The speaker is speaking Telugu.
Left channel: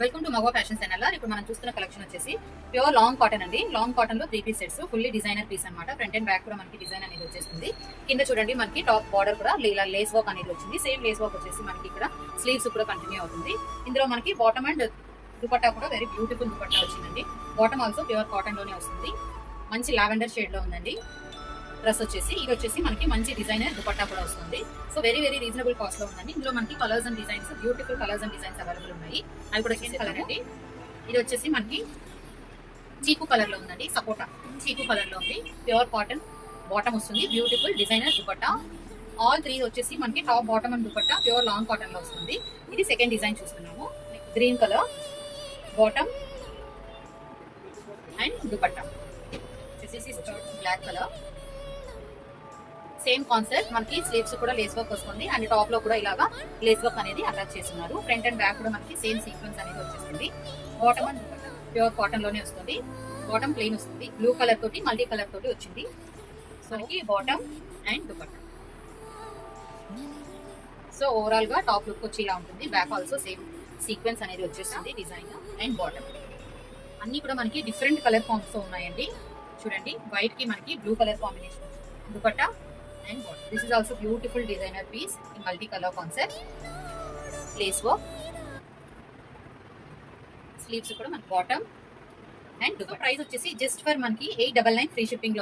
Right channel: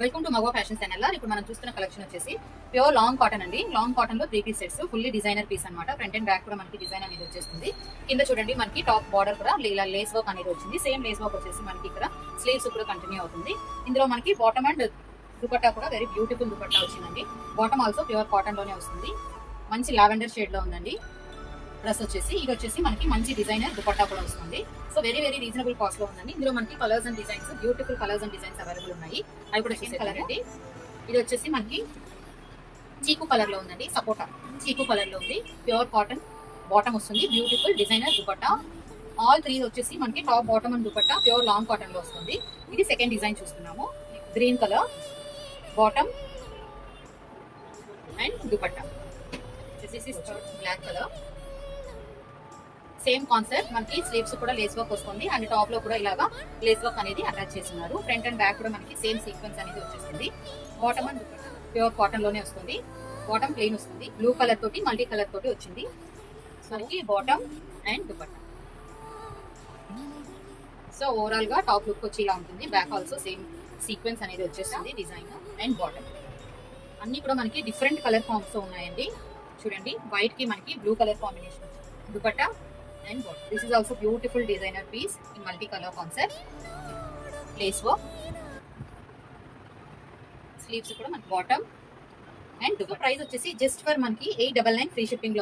Welcome to Magava fashion channel. ఇప్పుడు మనం చూస్తున్న కలెక్షన్ వచ్చేసి ప్యూర్ లాంగ్ కాటన్ అండి. లాంగ్ కాటన్ లో 3 piece sets, fully designer piece అన్నమాట. ఫ్రంట్ అండ్ బ్యాక్ కూడా మనకి డిజైన్ అనేది వచ్చేస్తుంది. కింద చూడండి మనకి టాప్ బార్డర్ కూడా ఇలా లేస్ వర్క్ అనేది వచ్చింది. సేమ్ లేస్ వర్క్ వచ్చేసి మనకి ఇక్కడ స్లీవ్స్ కూడా కంటిన్యూ అవుతుంది. ఇందులో మనకి బాటమ్ అండ్ దుపట్టా కూడా వెరీ బ్యూటిఫుల్ దుపట్టా వచ్చిందండి. బాటమ్ ఆల్సో ప్యూర్ కాటన్ లోనే వస్తుంది. మంచి లావెండర్ షేడ్ లో ఉందండి. డ్రెస్ వచ్చేసి ఇది వచ్చేసి మనకి మంచి డిజైనర్ దుపట్టా కూడా వస్తుంది. So very very reasonable cost లో ఉందండి. ఇందులో మనకి colours and designs, beautiful colours and designs available ఉన్నాయి. అవి కూడా కలర్ అండి. ఇది వచ్చేసి మనకి చీకు కలర్ లో ఉందండి. సపోటా చీకు కలర్ లో ఉంది. ప్యూర్ కాటన్ బాటమ్ వస్తుంది. Beautiful designer dupatta. ఆల్ 3 వచ్చేసి మనకి top bottom and dupatta pure long cotton లో వస్తుంది. ఇది సెకండ్ డిజైన్ చూస్తున్నాము. Green colour bottom and dupatta. Black colour same concept. మనకి స్లీవ్స్ కూడా లేస్ వర్క్ వస్తుంది అండ్ టాప్ లో కూడా ఇలాగా లేస్ వర్క్ అనేది అటాచ్ చేస్తున్నారు. ఫ్రంట్ అండ్ బ్యాక్ కూడా మనకి సేమ్ సీక్వెన్స్ అనేది వచ్చేస్తుంది. బాటమ్ అండ్ ప్యూర్ కాటన్ లోనే వస్తుంది. బాటమ్ ప్లెయిన్ వస్తుంది. బ్లూ కలర్ తోటి మల్టీ కలర్ తోటి వచ్చింది. సో మనకి bottom and dupatta. So overall గా టాప్ లుక్ వచ్చి ఇలా ఉంటుంది. బ్యాక్ ఆల్సో సేమ్ సీక్వెన్స్ అనేది వచ్చేస్తుంది. డిజైన్ అండ్ బాటమ్ అన్ని కూడా మనకి డిఫరెంట్ కలర్ ఫామ్స్ తో ఉన్నాయండి. చూడండి వైట్ కి మనకి blue colour combination dupatta and bottom. This is also beautiful designer piece in multi-color concept. Lace work. Sleeves కూడా మన బాటమ్ అండ్ దుపట్టా. ప్రైస్ వచ్చేసి జస్ట్ ఫర్ మనకి 899 ఫ్రీ షిప్పింగ్ లో